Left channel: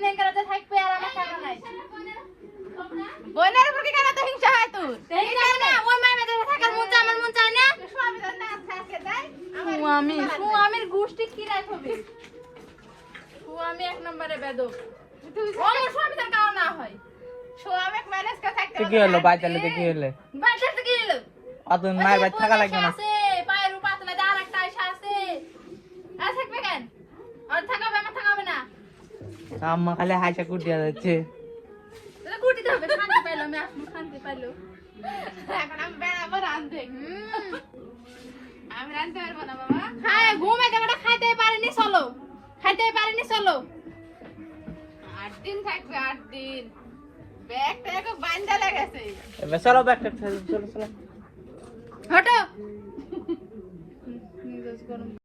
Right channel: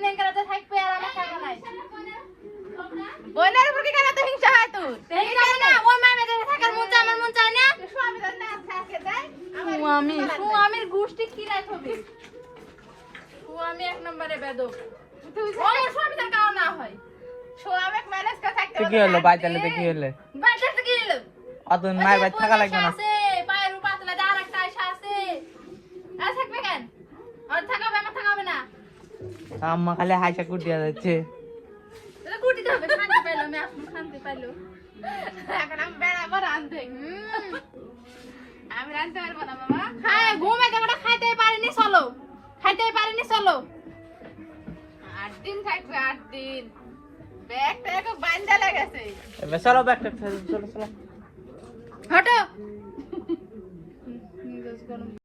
দিন এঙ্গারাতে থাকবে আর আমার টাকা নাই বোনের উপর কি কেন তো হিংসা হয় তোর এই কারণে না ওই মাইনে ধরে থাকার মন চায় আমার মন চায় না সুয়ামীর গোষ্ঠী কি রাখবে সুয়ামী এক নম্বরে বেদব আমার স্বামী তার কাও না হয় সুয়ামী ম্যানেজ করে থাকতে কি হলো বাইতালে কি হলো বাইতালে কি হলো অতন মায়ের বাড়ি থাকা লাগবে না আছে পায়ের উপর পাতলা আর একটা আয়সা আছে আর থাকবে কেন আর থাকাবে না থাকাবে না আম্মা খালি হাইসা কুটিয়া যাচ্ছে তাহলে কুটিতে হবে শান্তি পাইলো আমি শান্তি পাইলো এখন আমি বেড়াবো রাঁধতে আমি রাঁধতে পারবো না বাবা হ্যাঁ ঘুমে কেমন খাইতে পারিনি চলো 8 দিন থাকবে 8 দিন ব্যাগটা এক বান্ধা লেগেছে এবার চলো ব্যাগটা চলো চলো হাঁটো